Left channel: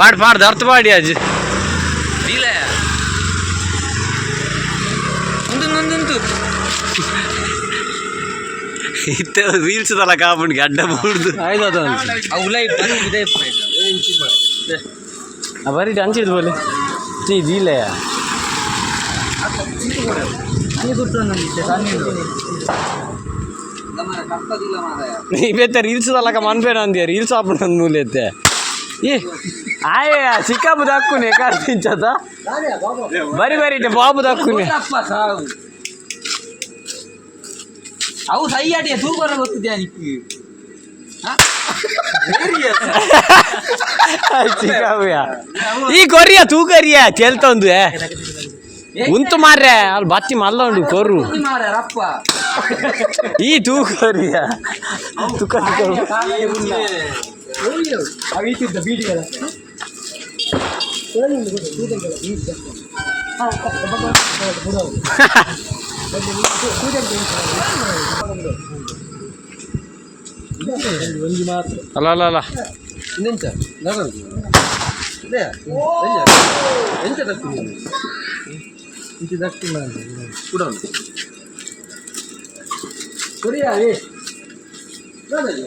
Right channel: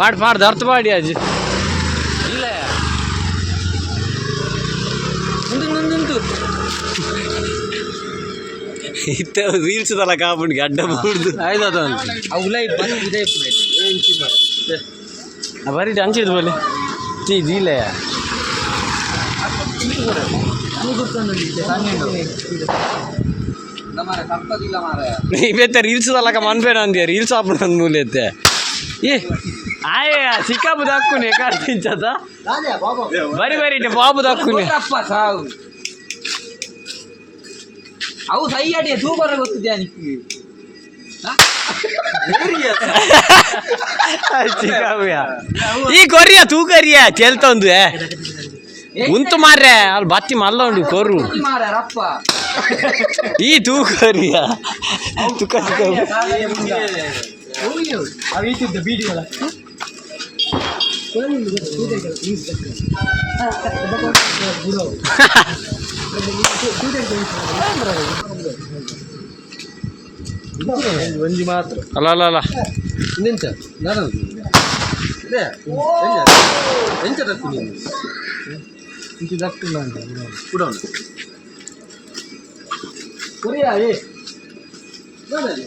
पाड पाड धरतो पाडी आज इथे रील्स झाला का आपण गड्डा बोलतो बरी त्यांचीच बोले ती दिले इवे रील्स झाला का मन पे ना रील्स आपण मुले ये आये चिकाबु दाక్కునే కార్తించదా బరి బరి బాబు దాక్కునే ಅವು ಸೈಯಾಡಿ ತೂಕನೆ ಗೊತ್ತಿದ್ಯಾ ನಿಕ್ಕೆ ಚಿಕಾಬುಯಾ ಈ ಕೊರಿಯಾ ತೂ ಕರಿಯಾ ಕೇಳ್ತಾ ಒಂದು ಉಂತು ಮಾರ್ರೆ ಅಲ್ಲಿ ಬತ್ತಿ ಮಲ್ಲ ಉಂಡು ಕೊರು ಮಾರ ರಪ್ಪ ಈ ತೂ ಕೊರಿಯಾ ತುಕ ತುಕ ಓಯ್ಯೋ ಅವೀತಿದ್ದ ಬೀಡಿಗಳ ಒಂಜಿ ಮಾತ್ರ ಅಲ್ಲ ಅಲ್ಲ ಅಲ್ಲ ಇನ್ನೆಂಚ ನಾನು ಇದೆ ಎಂಚ ತಕ್ಕು ನೀನು ಇಂಚ ತಕ್ಕಿಲ್ಲ ಅಂತ ಕೂಡ ಉಂಟು ಕೊರಿಯಾ ಏ ನೋಡಲಿ